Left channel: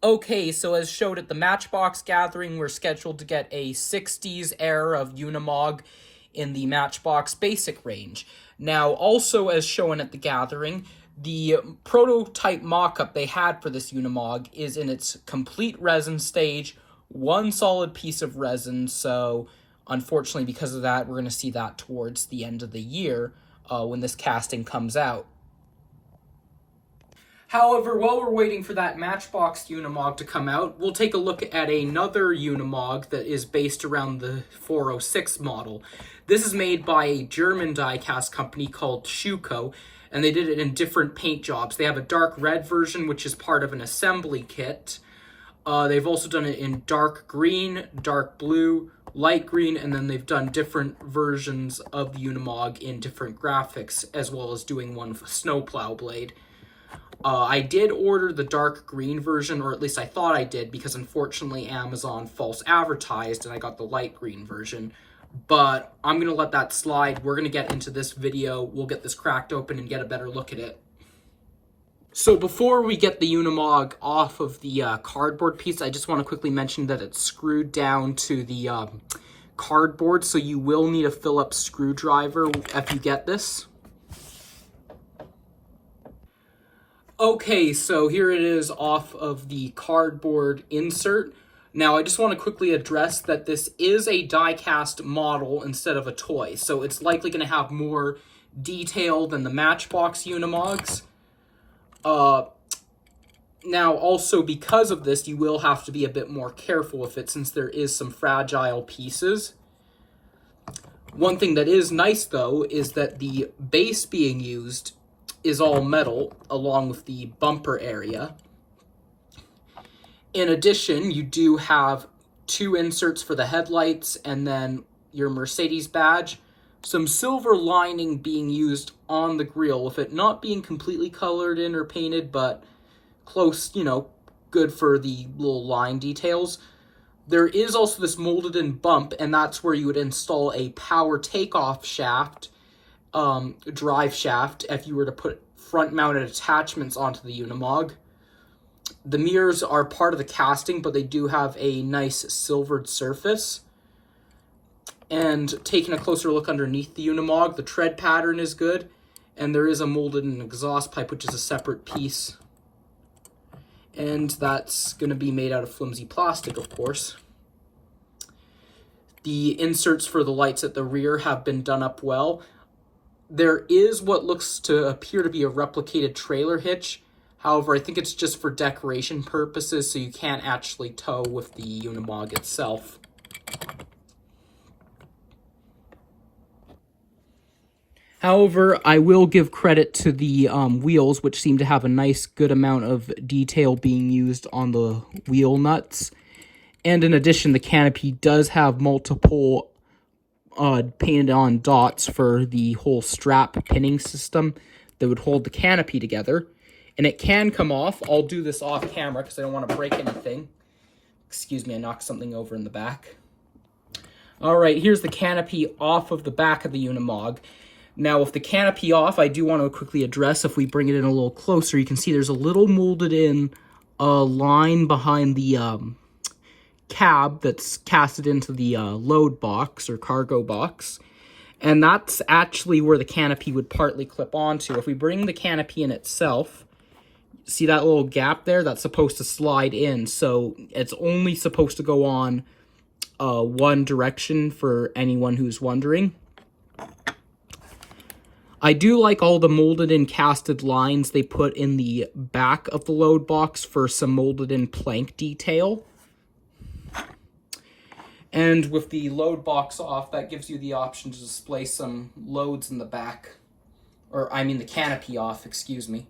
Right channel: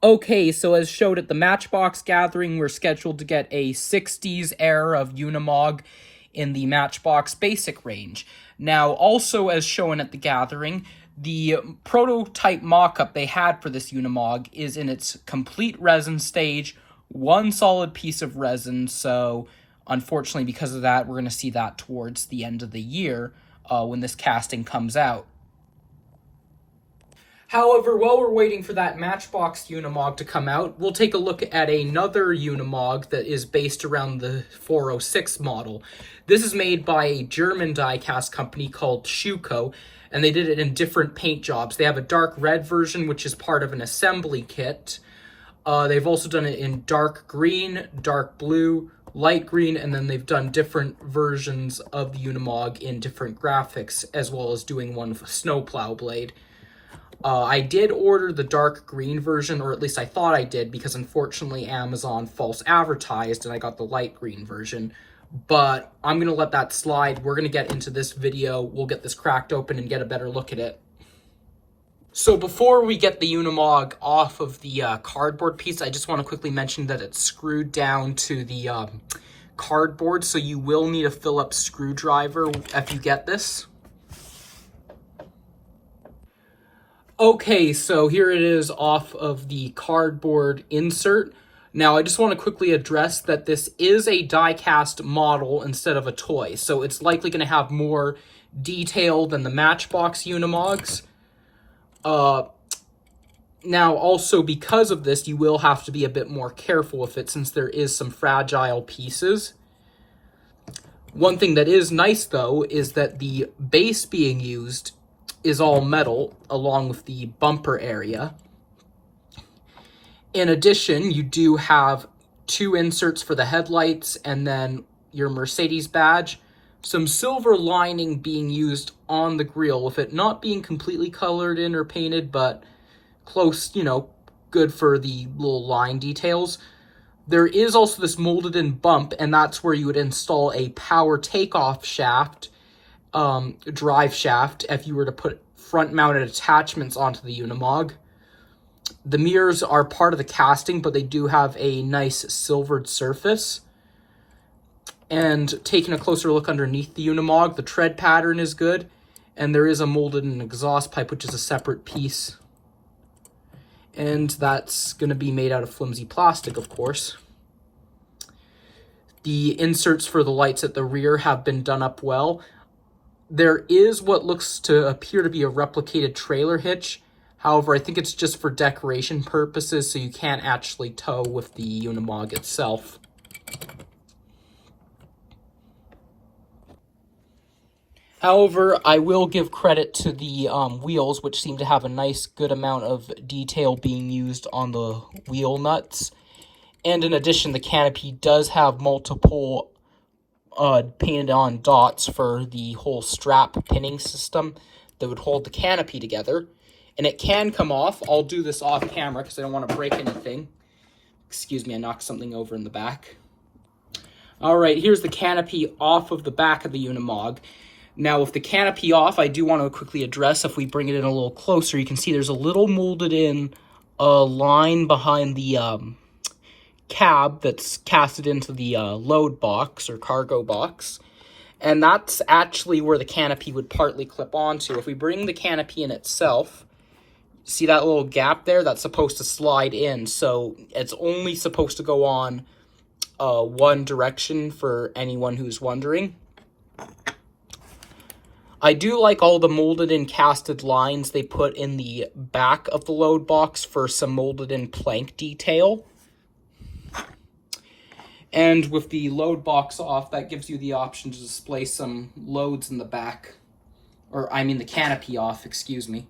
Okay, so as showed at the Matchbox gathering, we're scheduled to get a 60s era of Unimog in the Matchbox basic range. Now, also as shown at the gathering, the prototype mock-up they had for this Unimog is in its complete resin stage, one solid piece of resin, so unfortunately because of that, we're going to see that towards the end of the year when this casting comes out. However, while we're waiting for that Matchbox Unimog to come out, we'll take a look at another Unimog that is based around the 406 model. This is made by a German diecast company called Schuco, and they did it in different paint jobs. They have a dark red version, which is part of an assembly kit. They've also done it in dark green, dark blue, light green, and then they've done different versions of the Unimog in different graphics, as well as doing one with a snowplow blade. I did order the dark green version, or at least I thought I did, because unfortunately Amazon false advertised and I got the light green version. But I'm going to let that slide. We're going to get into this video. We'll get this cracked open and get a better look at it. So before we get the Unimog off of the cardboard piece, I just want to quickly mention that it's screwed down to the cardboard, so you will need a Phillips screwdriver if you get this. Okay, so here it is off of the cardboard insert. Now, I just want to quickly address that this is a die-cast model instead of a toy, so it's likely going to have more detail than the Matchbox Unimogs. Now, also because of this, you will have to be a bit more careful with it since there is some fragile pieces. One thing that is nice, though, is that the base being used is all metal, along with the bumper area. In addition, you do have two inserts for the headlights and then your Mercedes badge. Some silver lining being used on the grille, with it not being completely colored in or painted, but close, good for the little line details. There is also this molded in bump, and that's where you would install a power takeoff shaft, drive shaft, if you were to put front-mounted attachments onto the Unimog. The mirrors are part of the casting, but they do have a nice silvered surface. And taking a closer look underneath the Unimog, the tread pattern is good, and there is a molded-in exhaust pipe, which is a separate piece. And that's going to be made out of flimsy plastic, of course. The inserts for the lights at the rear have been done up well. There is what looks to appear to be a replicated trailer hitch. However, I think it's just for decoration purposes, so you can't actually tow with the Unimog itself. However, I will give credit to the wheels, which seem to have a nice good amount of detail being used on the wheel nuts. And in addition, the canopy does have multiple painted on dots for the whole strap pinning system that would hold the canopy together. And it can come off. I'll do this off camera because I don't want to break anything. Excuse me, I knocked something over in the back. Alright, here's the canopy off of the back of the Unimog. Now, with the canopy off, I do want to quickly address, if we bring it in a little closer, you can see there's a little molded in line behind the cab that's casted into the load box or cargo box. And that's actually where the canopy would partly clip onto. If we bring the canopy in itself, see that little gap there? That's supposed to slide in. So it's only supposed to go on one direction for anyone who's wondering. I do like all the molded in casted lines they put in the back of the load box for some molded in plank detail. And with the load box off, that gives you the option to display some loads in the back. Or, I mean the canopy off, excuse me.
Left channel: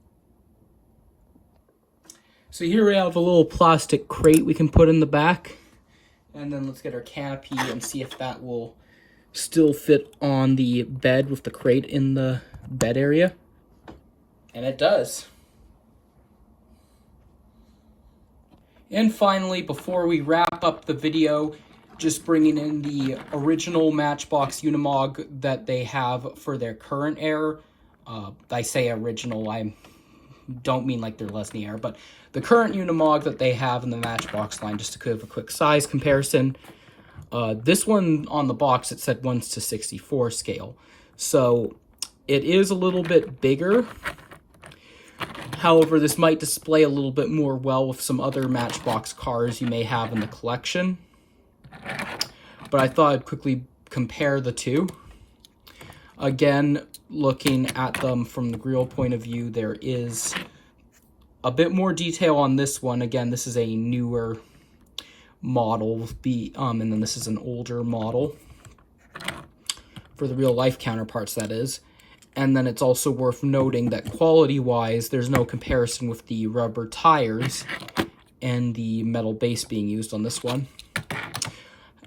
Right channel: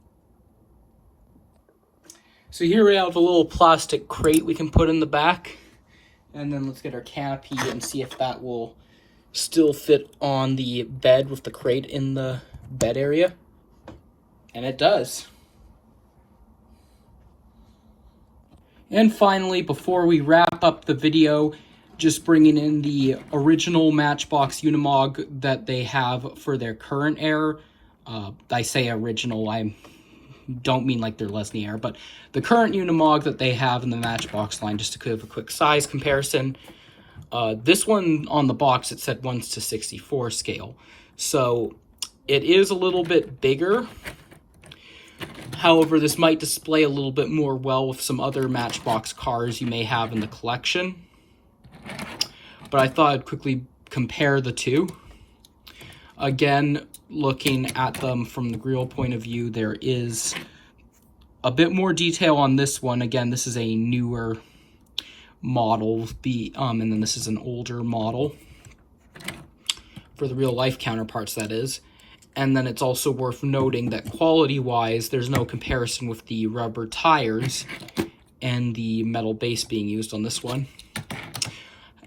So here we have a little plastic crate we can put in the back. And then let's get our canopy and see if that will still fit on the bed with the crate in the bed area. And it does. And finally, before we wrap up the video, just bringing in the original Matchbox Unimog that they have for their current era. I say original, I'm don't mean like they're less in the air, but the current Unimog that they have in the Matchbox line, just to give a quick size comparison, this one on the box, it said 1:64 scale. So it is a little bit bigger. However, this might display a little bit more well with some other Matchbox cars you may have in the collection. But I thought I'd quickly compare the two. Again, looking at them from the grill point of view, there is a bit more detail on this one. Again, this is a newer model, and then this is an older model for the real life counterparts, that is. And then it's also worth noting that quality-wise, there's no comparison with the rubber tires and the metal base being used on this one.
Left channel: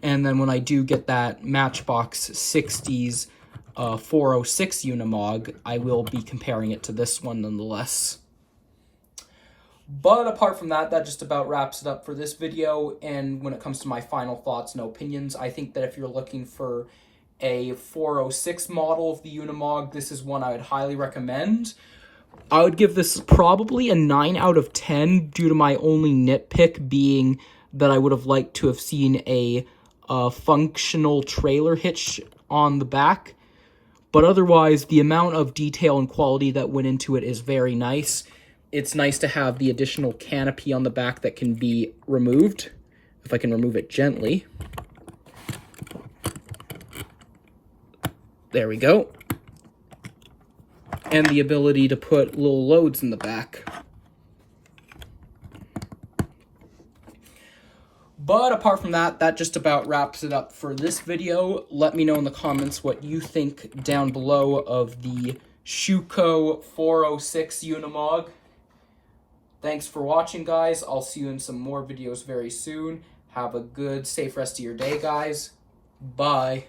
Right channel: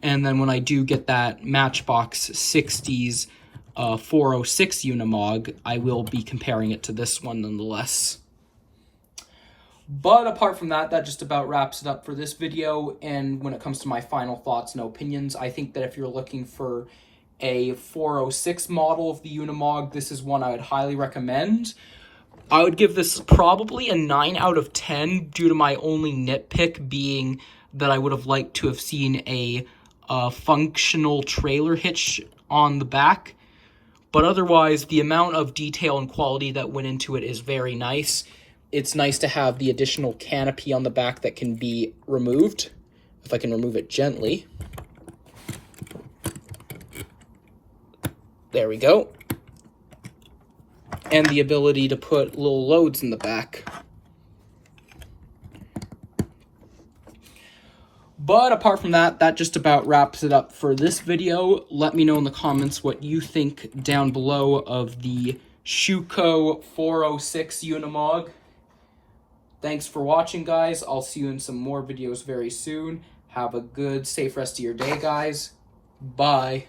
And then when I do get that Matchbox 60s 406 Unimog, I will be comparing it to this one nonetheless. But apart from that, that just about wraps it up for this video. And when it comes to my final thoughts and opinions, I think that if you're looking for a 406 model of the Unimog, this is one I would highly recommend. I would give this probably a 9 out of 10 due to my only nitpick being that I would have liked to have seen a functional trailer hitch on the back. But otherwise, the amount of detail and quality that went into it is very nice. It's nice to have the additional canopy on the back that can be removed, if I can remove it gently. There we go. And the ability to put little loads in the back. But apart from that, that just about wraps it up for this video. Let me know in the comments what you think down below of the Schuco 406 Unimog. Thanks for watching, guys. I'll see you in some more videos very soon. Have a good, safe rest of your day, guys. Bye.